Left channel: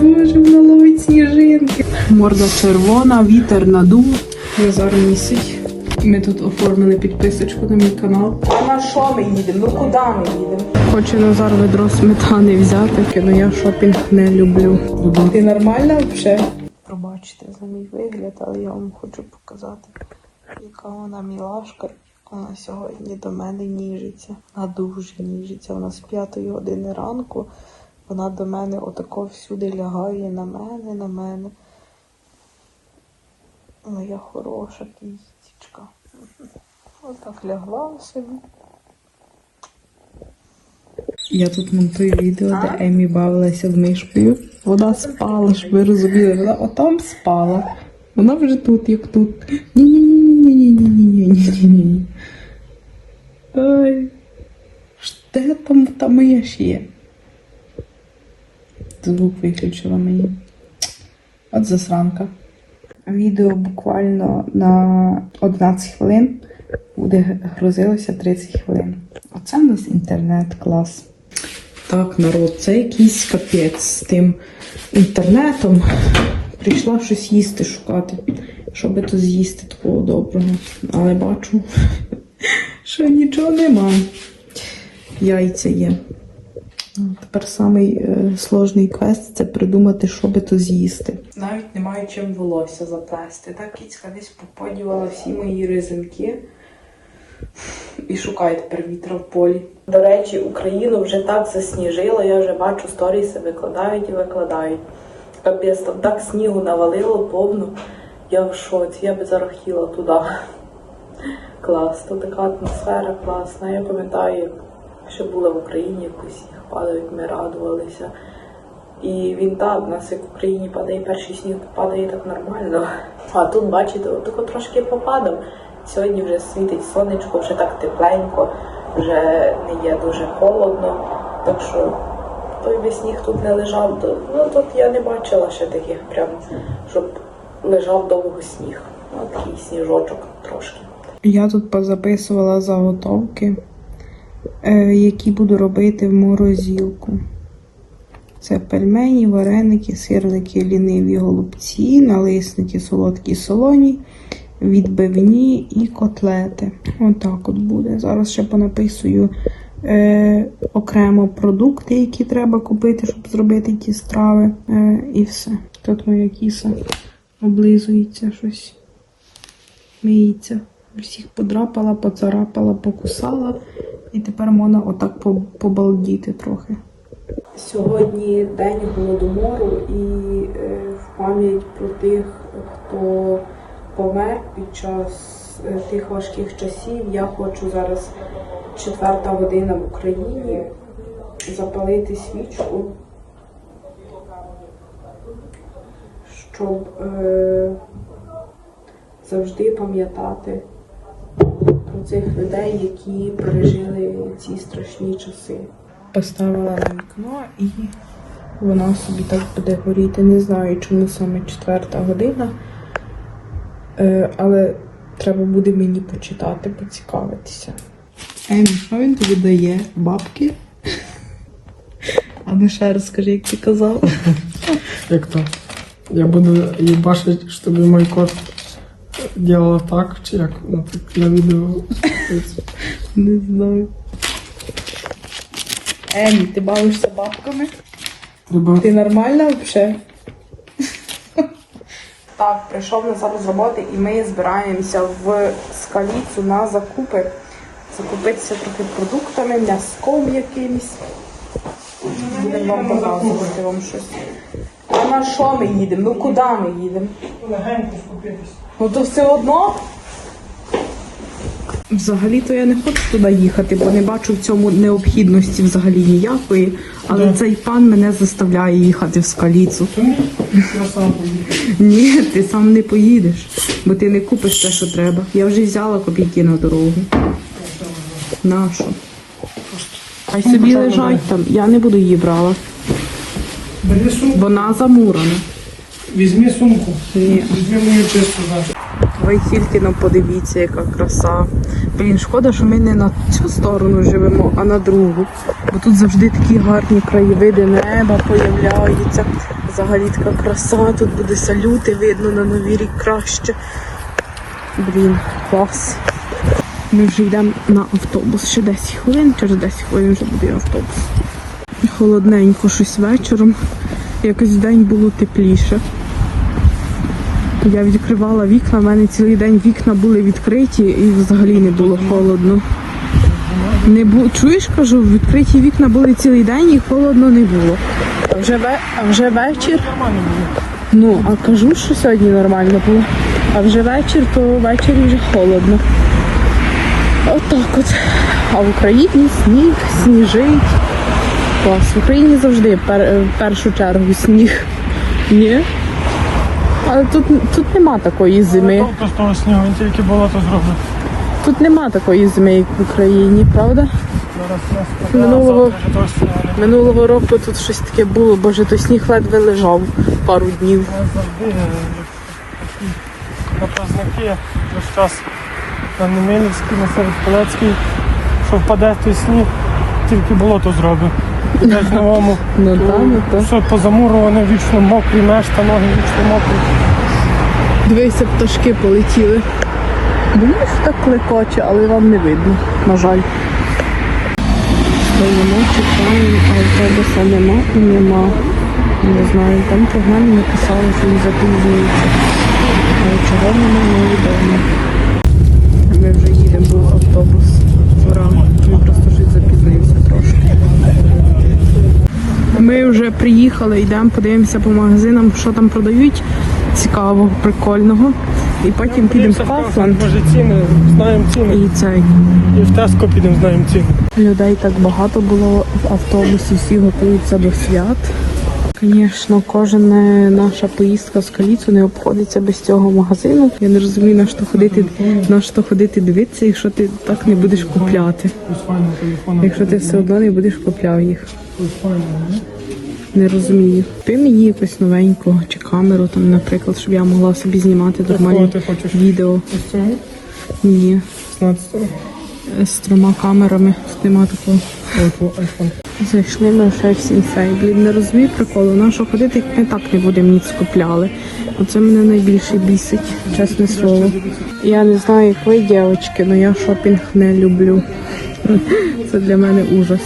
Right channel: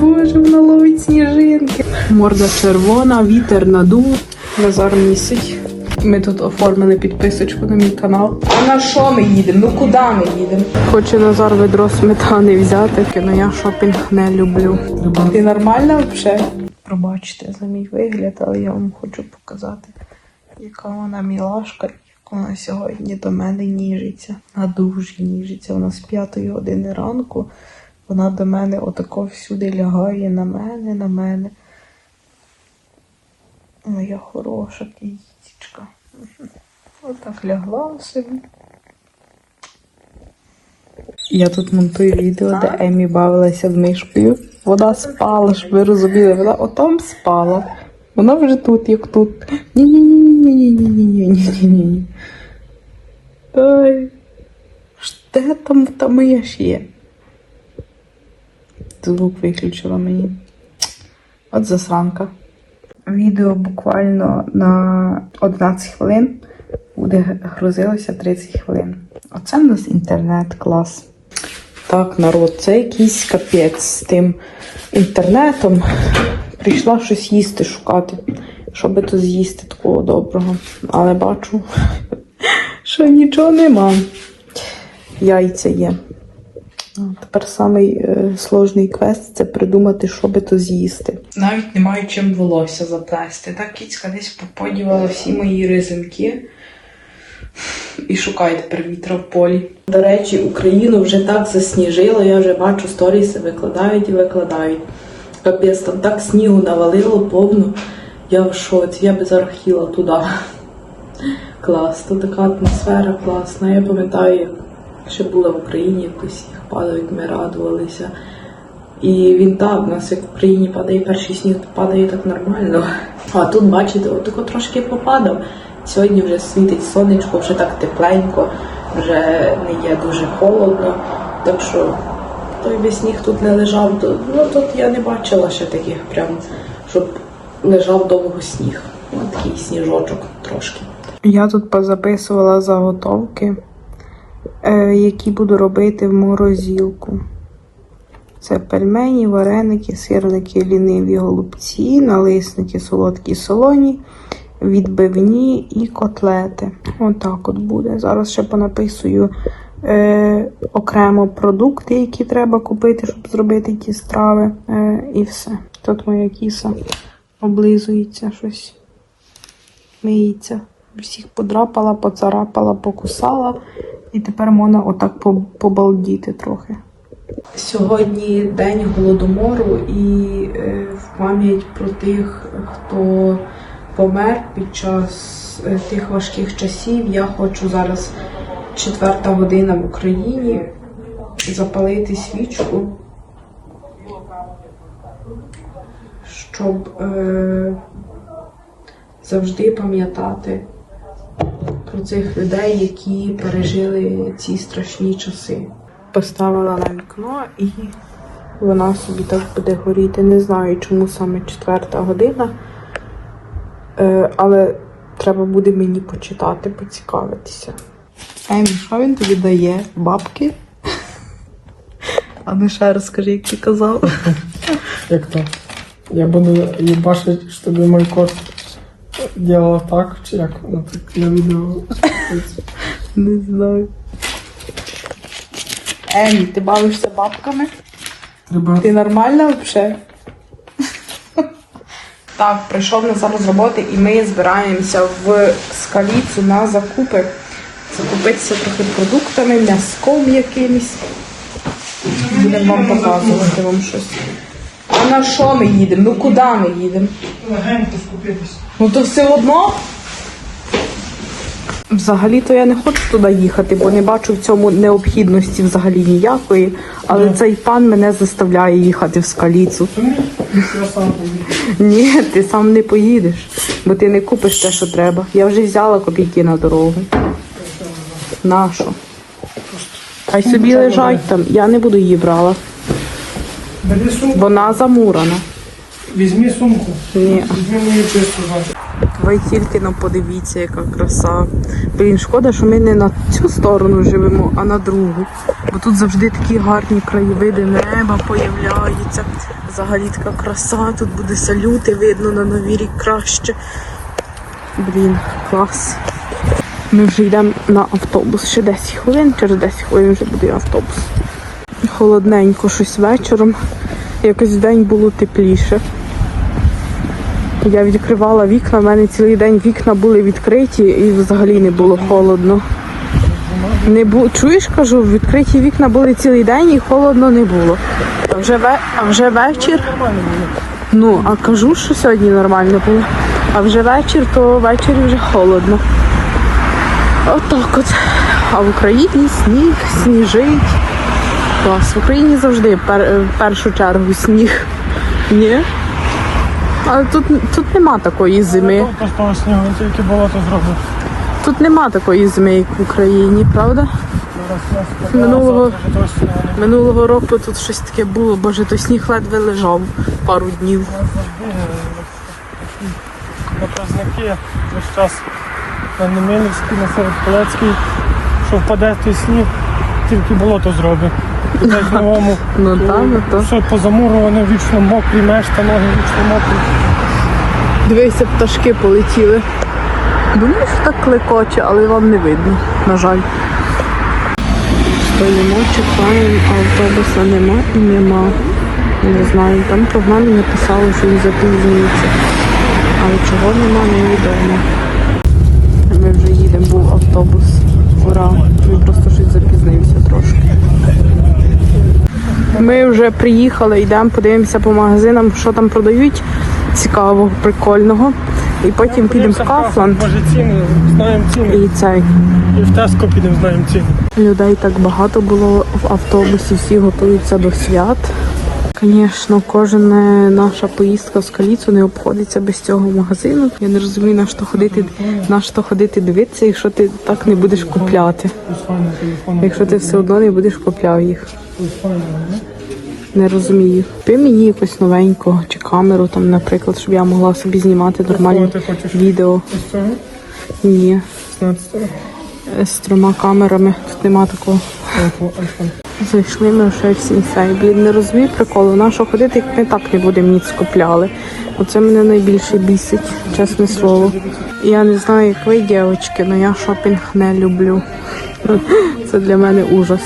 Боже, вона ловить сніжинки. Морда червона, вітер надув. Назар місить. Ми тут оформили підписочку на мій канал. А на що ми їдемо? Ну куди ми їдемо? Хоче Назар ведро сметани взяти. Ну я шопінг не люблю. Ти нормальна взагалі? Пробачте за мій вигляд, але я вам хочу показати, яка вона мілашка, як вона сьогодні до мене ніжиться. А дуже ніжиться. Вона з п'ятої години ранку. Вона до мене отако всюди лягає на мене, на мене. Моя хороша квітічка. Отак лягла собі. Я тут монтую відео, де Емі бавилася з мишкою. Вона спала, щоб ви розуміли, вона отам спала. Вона вже тут, як тут. Ні-ні-ні-ні-ні-ні-ні-ні-ні. Ой. Де там та миш є? Звук виключила мені. От засранка. Відео буквально на 11 хвилин буде грузилося 30 хвилин. Оце в нас інтернет клас. Так, народ, це якийсь капець з тим інтернетом. Прийшла щось їсти шукати. Що би то з'їсти такого доброго. Але бачу, що нічого нема. Яйця є. А, Тепер самий е, сложний квест це придумати, що би то з'їсти. Навіть не маю чим волосся заплести. Так кіцька десь поподівала всі мої ризинки і шукає тепер вітра в полі. До речі, Україну вже так засніжило, я вже бачу сторіси викладають і викладають. Капець, там так снігу навалило повно. Я в шоці, я би зараз хотіла туди. Клас, тут така атмосфера класна. Я пам'ятаю, що була в Україні, як усіх падають, ми радувалися. І він так, у нас як в Україні падає перший сніг, падає так нормально. А тут, бачите, отако трошки попадав. Сьогодні вже світить сонечко, вже так тепленько, вже не є дуже холодно. Так що той би сніг тут не лежав. Ну тут я не бачила ще таких прям, щоб лежав довго сніг. Ось такий сніжочок трошки. Я тут позаписувала заготовки, які буду робити в морозилку. Це пельмені, вареники, сирники, ліниві голубці, налисники, солодкі солоні, відбивні і котлети. Отак от буде. Зараз ще понаписую е, окремо продукти, які треба купити, щоб зробити ті страви. Е, і все. Тут моя кіса облизується щось. Миється. Всіх подрапала, поцарапала, покусала. І тепер можна отак побалдіти трохи. Сьогодні день голодомору і е, в пам'ять про тих, хто помер під час е, тих важких часів. Я хочу зараз четверта година в Україні запалити свічку, щоб е, завжди пам'ятати про цих людей, які пережили ці страшні часи. Поставила на вікно і вона собі так буде горіти. Не знаю, чому саме четверта година. Е, але треба буде мені почитати, поцікавитися. Емі, що він тобі дає? Бабки? А ну ще раз скажи, як ти казав. Як то? Я буду їбашити, щоб мой кот делал так, чи як так на відео. Не знаю. Емі, ти бавишся бабками? Треба Ти нормальна взагалі? Так, прийшов Назар з роботи і ми збираємося в скаліцю на закупи. Закупитися трохи продуктами, м'язком якимось. Будемо вам показувати вам щось. А на що ми їдемо? Ну куди ми їдемо? Ну то все одно. Взагалі-то я не хочу туди їхати, бо не бачу в цьому необхідності взагалі ніякої. Але цей пан мене заставляє їхати в скаліцу. Ні, ти сам не поїдеш, бо ти не купиш те, що треба. Я вже взяла копійки на дорогу. Нашу. Хай собі лежать там. Я не буду її брала. Вона замурана. Візьми сумку. Ні. Візьми мені писту. Ви тільки ну подивіться, яка краса. Блін, шкода, що ми не на цю сторону живемо, а на другу. Бо тут завжди такі гарні краєвиди, неба появляються. Взагалі така краса, тут буде салюти, видно на новий рік краще. Блін, клас. Ми вже йдемо на автобус. Ще 10 хвилин, через 10 хвилин вже буде автобус. І холодненько щось вечором. Якось день було тепліше. Я відкривала вікна, в мене цілий день вікна були відкриті і взагалі не було холодно. Не бу... Чуєш, кажу, відкриті вікна були цілий день і холодно не було. А вже, ве... а вже вечір. Ну, а кажу, що сьогодні нормально було. А вже вечір, то ввечері вже холодно. Отак от. А в Україні сніг, сніжить. Клас. В Україні завжди в першу чергу сніг. Ні? Але тут, тут нема такої зими. То з того снігу, тільки болото зробив. Тут нема такої зими, як в Україні, правда? Минулого- Минулого року тут щось таке було, боже, то сніг ледве лежав пару днів. Показники весь час на Немилівській, на Середполецькій, що впаде той сніг, тільки болото зробить. Десь новому Ну ну то. все позамуроване, вічно мокрі, мешта, ноги вічно мокрі. Дивися, пташки полетіли. Думаю, так клекоче, але вам не видно, на жаль. Стоїмо, чекаємо, а автобуса нема, нема. Не знаю, там про мене написали, що він запізнюється. Але чого нема, невідомо. Ми вже їдемо, був автобус. Ура! Він просто щось запізнився трошки. Ми вже приїхали, йдемо, подивимося по магазинам, що там продають цікавого, прикольного. І потім підемо в Кафлан Може ціни, знаємо ціни. і цей. І в Теско підемо, знаємо ціни. Людей так багато було в автобусі, всі готуються до свят. Звісно, кожна наша поїздка в столицю не обходиться без цього магазину. Я не розумію, на що ходити, на що ходити дивитися, якщо ти так не будеш купляти. Якщо ти все одно не будеш купляти їх. Не? Розумію. Ти мені якось новенького чи камеру, там, наприклад, щоб я могла собі знімати нормальні відео. Ні, 16-го? з трьома камерами тут нема такого. Зайшли ми вже в сінсей. Блін, не розумію приколу. На що ходити, як ми так не будемо ніц купляли. Оце мене найбільше бісить, чесне слово. Я не знаю, як ви, дівчатки, але я шопінг не люблю. Це для мене ужас.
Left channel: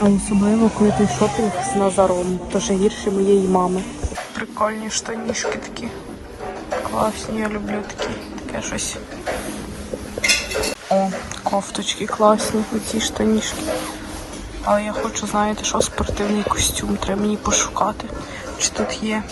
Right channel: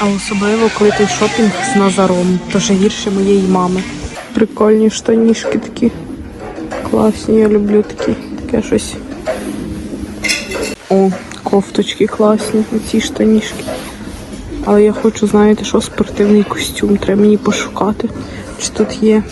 А особливо, коли той шопінг з Назаром, то ще гірше моєї мами. Прикольні штанішки такі. Класні, я люблю такі, таке щось. О, кофточки класні, і ці штанішки. Але я хочу, знаєте, що спортивний костюм треба мені пошукати. Чи тут є.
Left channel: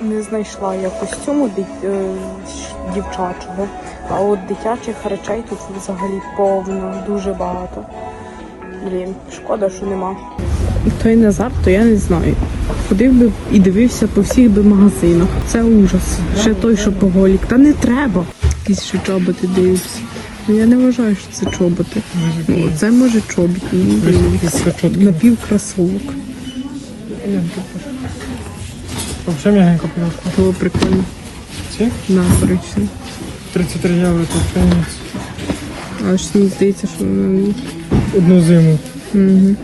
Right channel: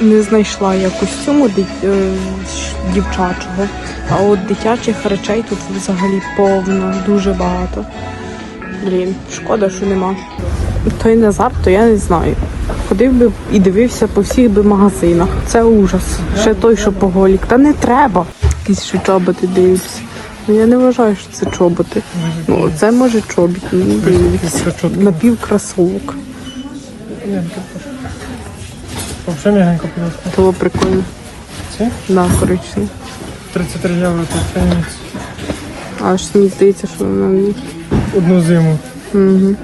Не знайшла я костюму е, дівчачого. А от дитячих речей тут взагалі повно, дуже багато. Блін, шкода, що нема. Той Назар, то я не знаю. Ходив би і дивився по всіх би магазинах. Це ужас. Ще той, що поголік. Та не треба. Якісь ще чоботи дивився. Ну я не вважаю, що це чоботи. Ну, це може чобіт. Ну, дивіться. Напівкрасовок. Взагалі м'ягенько. Було прикольно. Ці? Да, коричневі. 33 євро тут стоїть. Але ж мені здається, що воно. Одну зиму. Угу.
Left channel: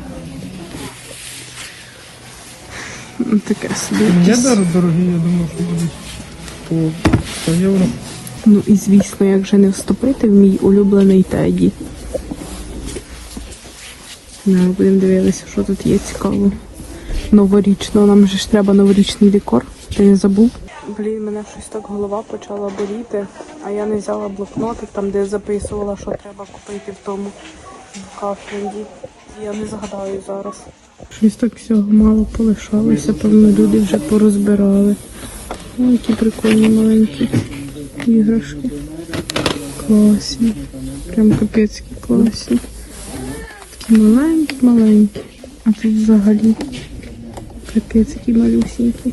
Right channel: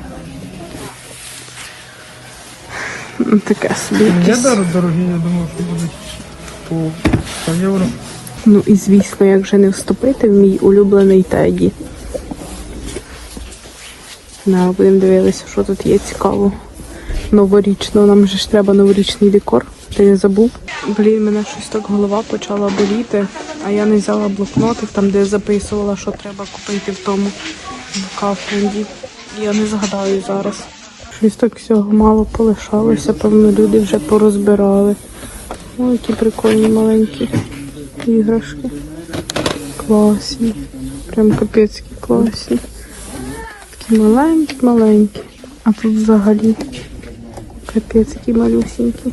Таке собі. Є якесь. дор- дорогі, я думаю, що будуть по 100 євро. Ну і звісно, як же не вступити в мій улюблений теді. На, будемо дивитися, що тут є цікаво. Новорічно, нам же ж треба новорічний декор. Ти не забув? Блін, мене щось так голова почала боліти, а я не взяла блокнотик, там де я записувала, що треба купити в тому кафенді. Я не згадаю зараз. Щось так всього мало полишалося, певно, люди вже порозбирали. Ой, які прикольні маленькі іграшки. Класні. Прям капецькі класні. Такі маленькі-маленькі. А тут взагалі капець які малюсенькі.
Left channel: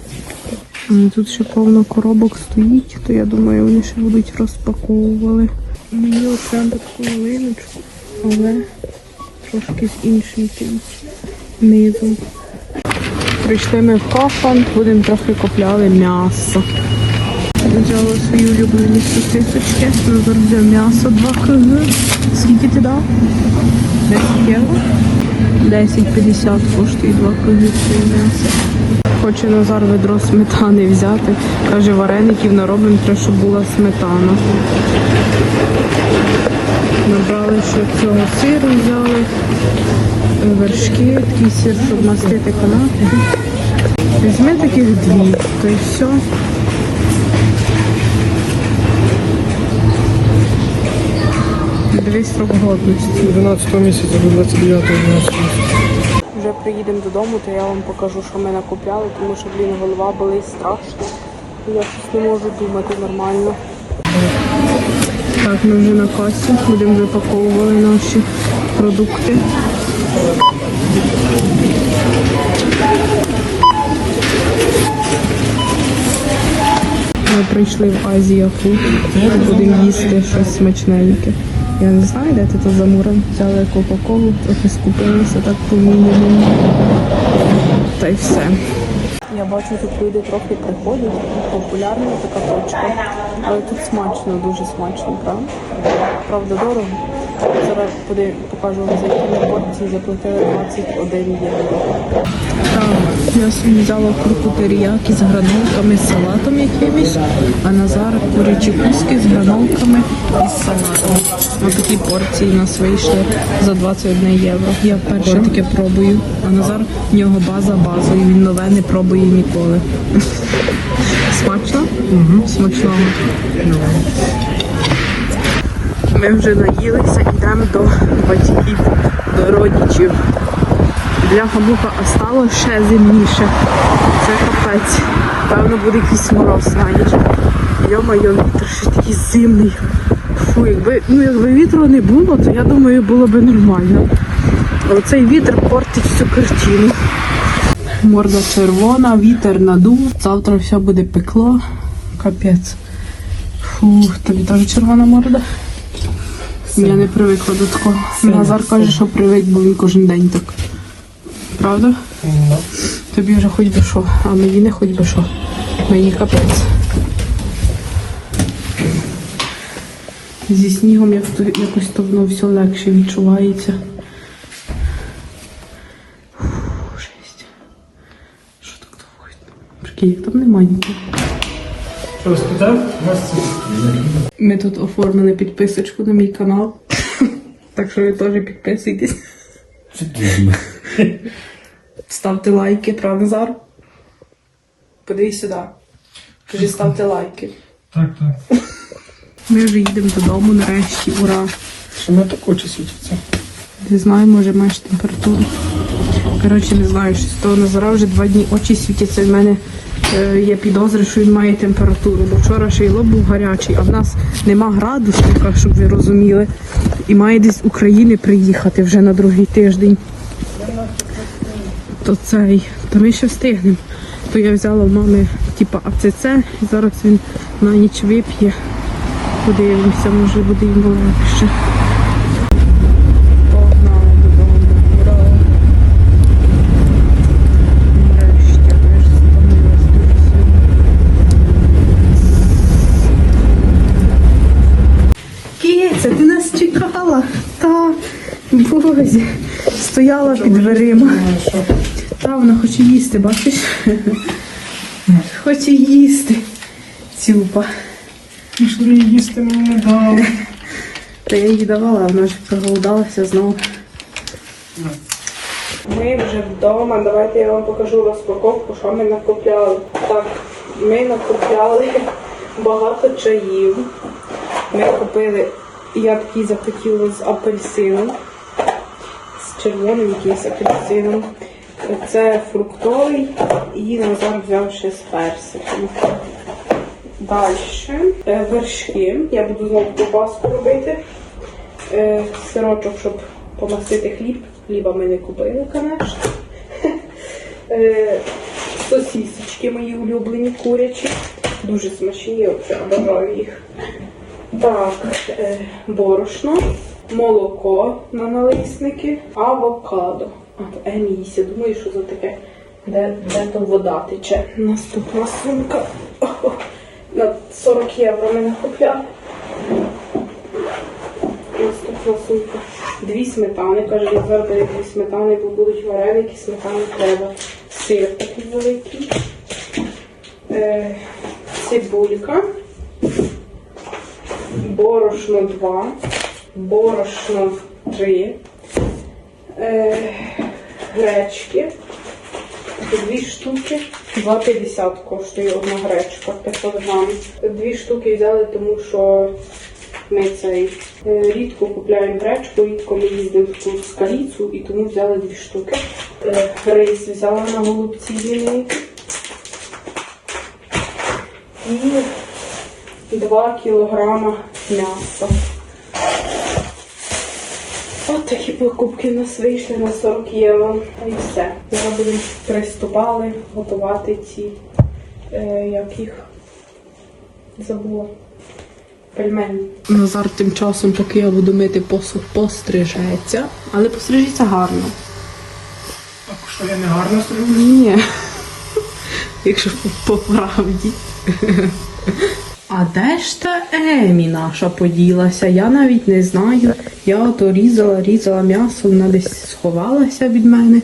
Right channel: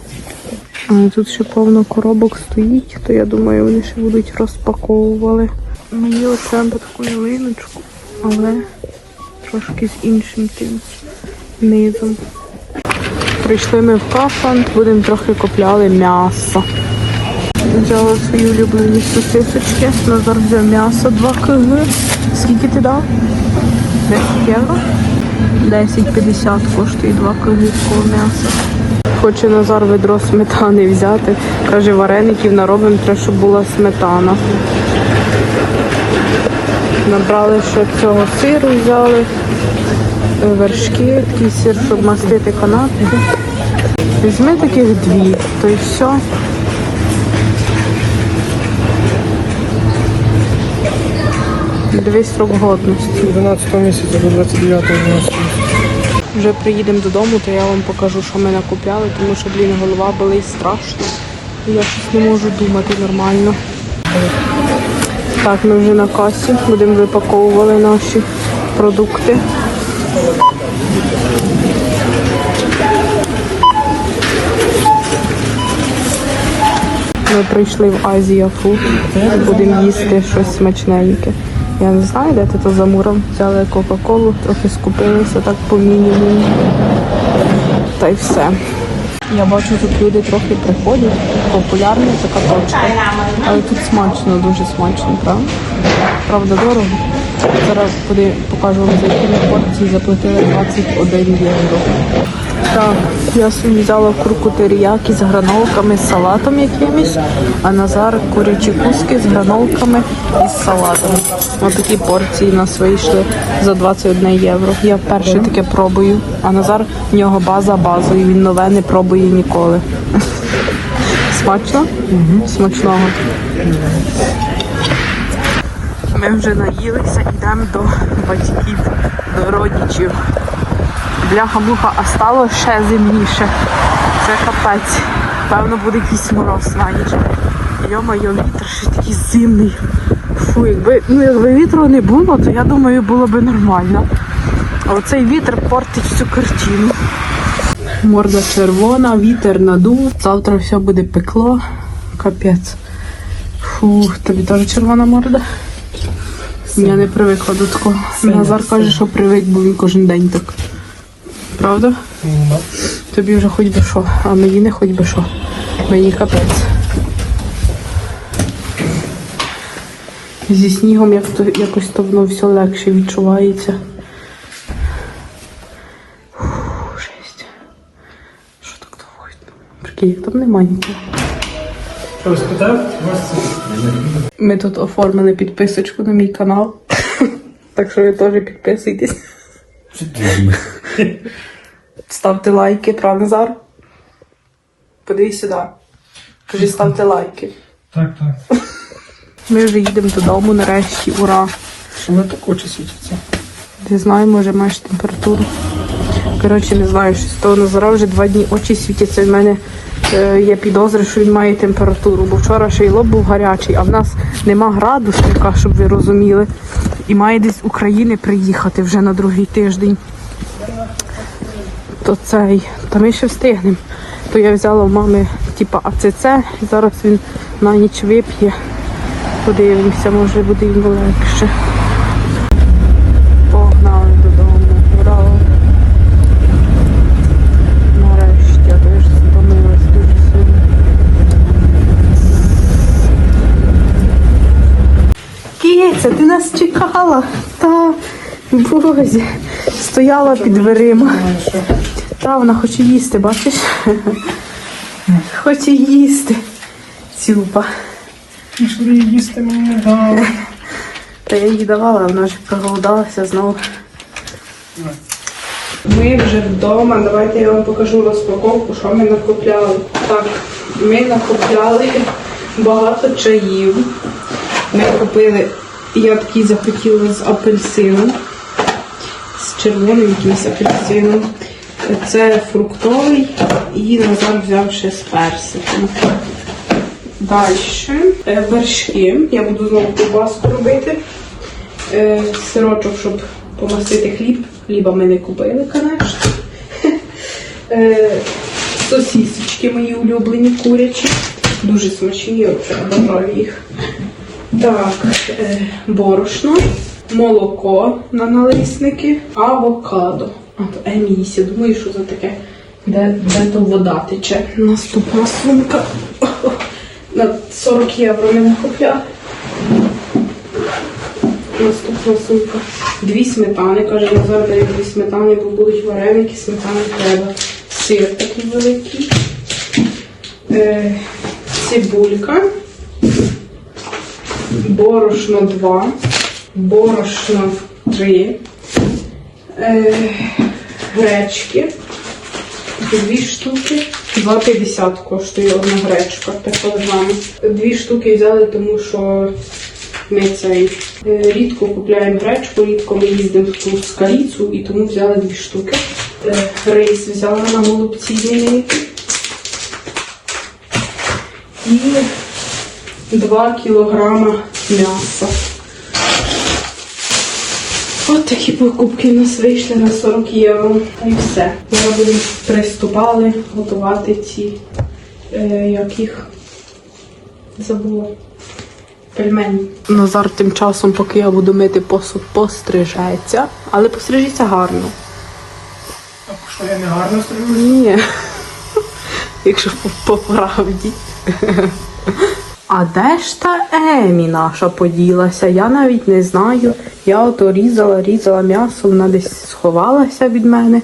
А тут ще повно коробок стоїть, то я думаю, вони ще будуть розпаковували. Мені от треба таку ялиночку, але трошки з іншим тим низом. Прийшли ми в кафан, будемо трохи купляли м'ясо. Взяла свої улюблені сосисочки. Назар взяв м'ясо 2 кг. Скільки ти дав? 10 євро. 10,50 коштує 2 кілограмів м'яса. Хоче Назар ведро сметани взяти. Каже, вареників наробимо, треба, щоб була сметана. Набрали ще цього сиру, взяли, вершки, такий сир, щоб мастити канапки. Візьми таких дві, то й все. Дивись срок годності. 11 місяця до 29 12 Вже приїдемо додому, то я вам покажу, що ми накупляли, тому що, блін, голова болить страшно. Я щось не можу думати нормально. Так, ми вже на касі, будемо випаковувати наші продукти. Ми прийшли в Азія Фуд, будемо їсти щось смачненьке. Я не знаю, де ти то за муром Взяли Кока-Колу, трохи скупилися так по мінімуму. Та й все. Я бачу, тут люди трохи приходять. Популярна така точка. Але тут смачно, дуже смачно, правда? Правда, дорого. Зараз куди покажу вам за порції заплатили 21 євро. Так, я собі взяла курку теріякі з гранолками, з салатом якимось, а Назар курячі куски з гранолками і з салатом. Ось такі порції у нас вийшли за 21 євро. Я вперше таке пробую, а Назар в нього база базою, він нове не пробує ніколи. Смачно? Угу. Смачного. Ми вже наїлися, йдемо до батьків родичів. Бляха-муха, а ще зимніше. Це капець. Певно буде якийсь мороз навіть. Йо-моє, вітер ще такий зимний. Фу, якби, ну, якби вітру не було, то я думаю, було б нормально. А оцей вітер портить всю картину. Морда червона, вітер надув. Завтра все буде пекло. Капець. Фух, тобі теж червона морда? Я не привикла до такого. Назар каже, що привик, бо він кожен день так. Правда? Тобі вже хоч би що, а мені не хоч би що. Мені капець. Зі снігом як то, якось то воно все легше відчувається. Жесть. Що так довго? Прикинь, там немає нікого. Що спитав? Ми тут оформили підписочку на мій канал. так що ви теж підписуйтесь. Ставте лайки, правда, Назар? Подивись сюди. Кажи, ставте лайки. Так, так. Ми вже їдемо додому нарешті, ура. Що ми так очі світяться? Не знаю, може маєш температуру. Коротше, не знаю, що з того Назара вже два дні очі світяться. В мене є підозри, що він має температуру, бо вчора ще й лоб був гарячий, а в нас нема градусника, щоб ви розуміли. І має десь з України приїхати вже на другий тиждень. То цей, та ми ще встигнемо. То я взяла в мами типа АЦЦ, і зараз він на ніч вип'є. Подивимося, може буде йому легше. Погнали додому. Ура. Нарешті, я теж стомилась дуже сильно. Киця, ти нас чекала? Та, боже, стояла під дверима. Та, вона хоче їсти, бачиш? Хоче їсти. Цюпа. Ну що її їсти мені не дали. Та я їй давала, а вона вже проголодалася знову. Ми вже вдома. Давайте я вам покажу розпаковку, що ми накупляли. Так, ми накупляли багато чаїв. Ми купили, я такий захотіла з апельсином, червоним якимось апельсином. Це фруктовий і Назар взяв ще з персиком. Далі е, вершки. Я буду знову ковбаску робити. Е, Сирочок, щоб помастити хліб. Хліба ми не купили, звісно. Е, Сосісочки мої улюблені курячі. Дуже смачні, я обожаю їх. Так, борошно, молоко на налисники, авокадо. А то емісі, думаю, що це таке. Де, де то вода тече? Наступна сумка. На 40 євро ми накупляли. Наступна сумка. Дві сметани. Каже, я зараз дві сметани, бо будуть вареники, сметани треба. Сир такий великий. Е, цибулька. Борошно 2. Борошно 3. Е, гречки. Дві штуки. 2,50 коштує одна гречка. Так грами. Дві штуки взяли, тому що ми цей е, рідко купляємо гречку, рідко ми їздимо в Каліцу і тому взяли дві штуки. Е, Рис взяла на голубці великий. І 2 кілограма м'яса. От такі покупки у нас вийшли на 40 євро. Та й все. Будемо приступали готувати ці, е, як їх забула. Пельмені. Назар тим часом, поки я буду мити посуд, пострижеться, але пострижеться гарно. Так що я не гарно зроблю. Ні. Якщо по, по правді. А де ж та Емі наша поділася? Я навіть не знаю. Я ото різала, різала м'ясо, вона десь сховалася від мене.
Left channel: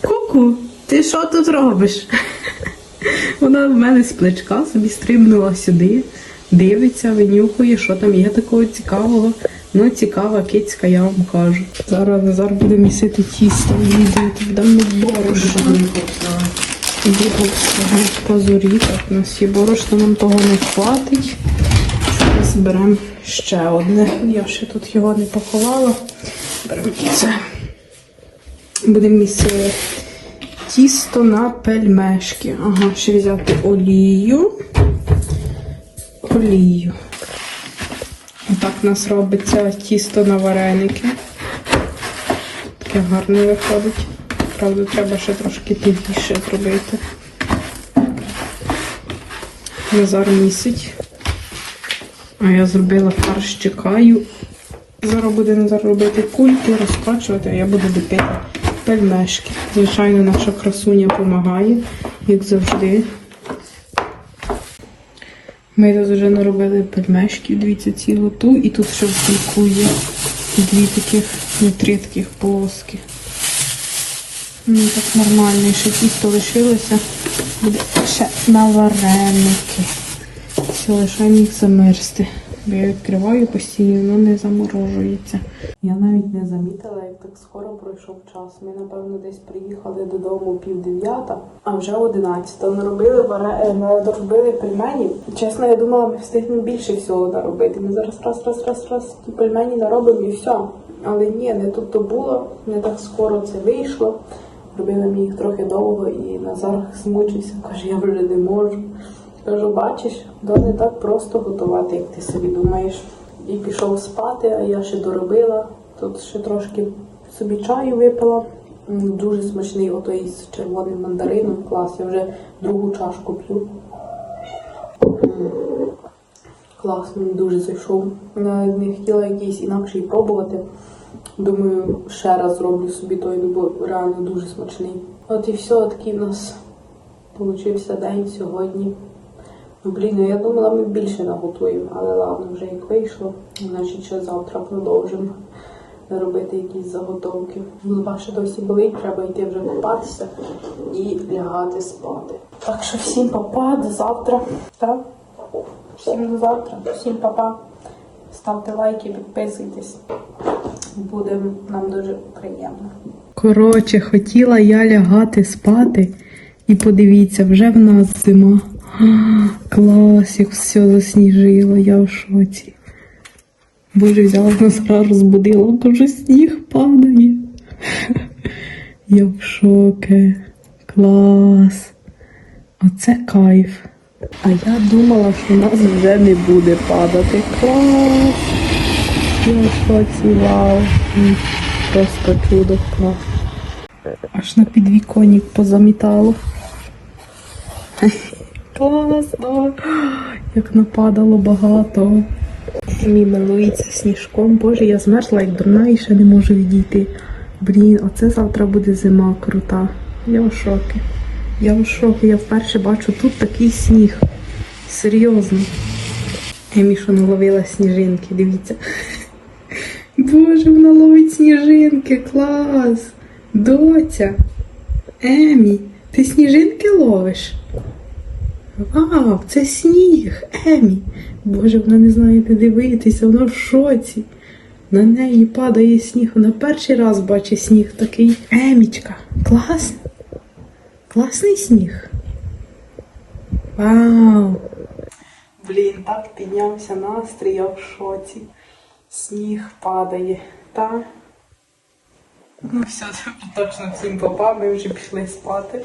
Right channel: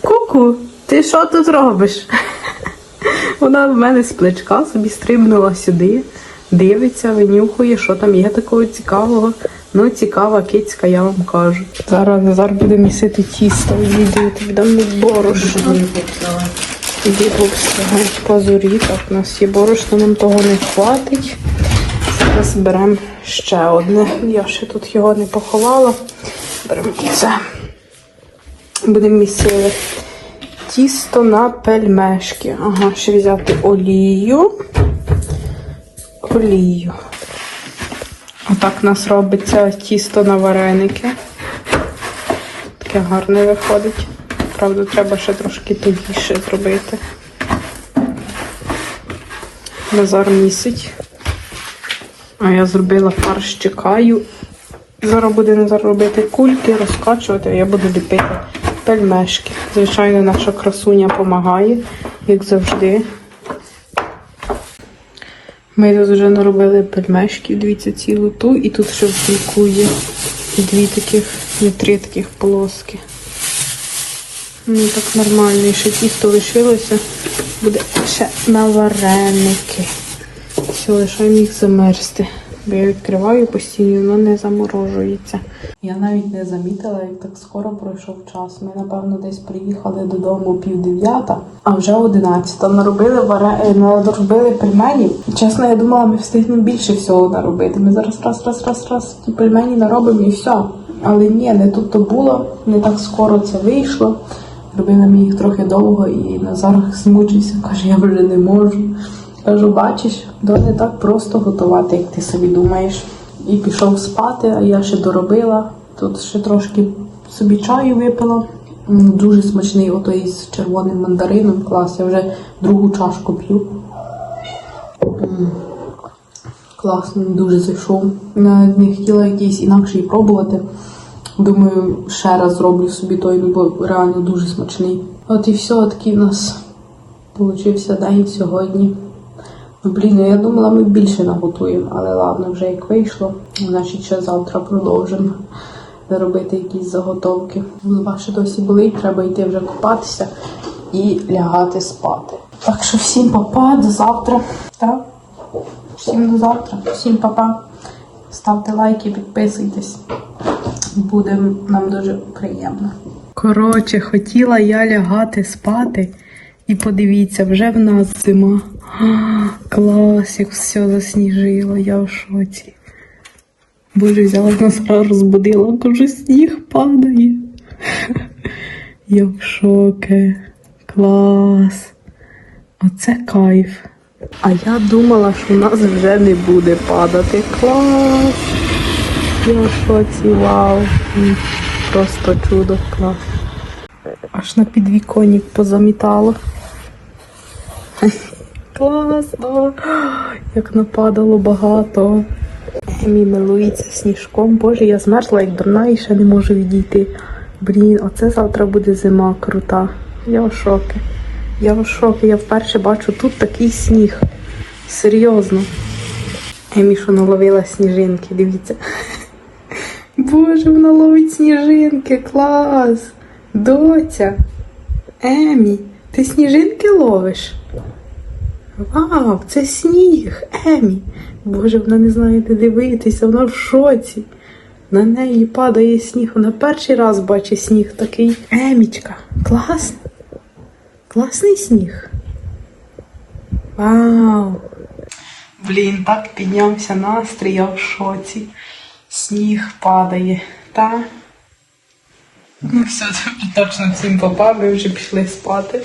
Ку-ку, ти що тут робиш? Вона в мене з плечка собі стрибнула сюди, дивиться, винюхує, що там є такого цікавого. Ну, цікава кицька, я вам кажу. Зараз зараз буде місити тісто, відійти, дам борошно. Дібовського пазурі. Так, у нас є борошно, нам того не хватить. Зараз беремо ще одне. Я ще тут його не поховала. Беремо це. Будемо місити тісто на пельмешки. Ага, ще взяти олію. Олію. Отак у нас робиться тісто на вареники. Таке гарне виходить. Правда, треба ще трошки тугіше зробити. Назар місить. А я зробила фарш, чекаю. Зараз буде Назар робити кульки, розкачувати, а я буду ліпити пельмешки. Звичайно, наша красуня допомагає, як завжди. Ми тут вже наробили пельмешки, дивіться, цілу ту, і тут ще в дві таких, не три таких полоски. Ну так нормально, і ще тісто лишилося. Буде ще на вареники. Все, лишаємо їх замерзти. Бо я відкриваю постійно, воно не заморожується. Я навіть не замітила, як так скоро пройшов час. Ми, напевно, десь приїхали додому пів дев'ята, а вже одинадцята. Наробили варе... наробили пельмені. Чесно, я думала, ми встигнемо більше всього наробити. Ми зараз раз, раз, раз, раз ті пельмені наробимо і все. Але ні, не тут то було, не так скоро це вийшло. Робили ми їх трохи довго і Назар змучився, каже, я вже не можу. Кажу, бачиш, то не так просто готувати, як ти собі думаєш. І пішов спати, а я ще доробила. Тут ще трошки собі чаю випила. Дуже смачний отой з червоним мандарином. Клас, я вже другу чашку п'ю. Класно, дуже зайшов. Не хотіла якийсь інакший пробувати. Думаю, ще раз зроблю собі той, ну бо реально дуже смачний. От і все, такий в нас получився день сьогодні. Блін, ну я думала, ми більше наготуємо, але ладно, вже як вийшло. Значить, ще завтра продовжимо робити якісь заготовки. Голова ще досі болить, треба йти вже купатися і лягати спати. Так що всім папа, до завтра. Так? Всім до завтра, всім папа. Ставте лайки, підписуйтесь. Буде нам дуже приємно. Коротше, хотіла я лягати спати. І подивіться, вже в нас зима. Клас, як все засніжило, я в шоці. Боже, взяла Назара, розбудила, дуже сніг падає. Я в шокі. Клас. Оце кайф. А я думала, що в нас вже не буде падати. Клас. Я в шоці, вау. Просто чудо, клас. Аж на підвіконник позамітало. Класно. Як нападало багато. Мій милується сніжком. Боже, я змерзла як дурна і ще не можу відійти. Блін, оце завтра буде зима крута. Я в шокі. Я в шокі. Я вперше бачу тут такий сніг. Серйозно. Емі, що наловила сніжинки, дивіться. Боже, вона ловить сніжинки, клас! Доця! Емі, ти сніжинки ловиш? Вау, це сніг, Емі. Боже, вона не знає, де дивитися, вона в шоці. На неї падає сніг. Вона перший раз бачить сніг такий. Емічка, клас. Класний сніг. Вау. Блін, так піднявся настрій, я в шоці. Сніг падає. Та. Все, точно всім попав, ми вже пішли спати.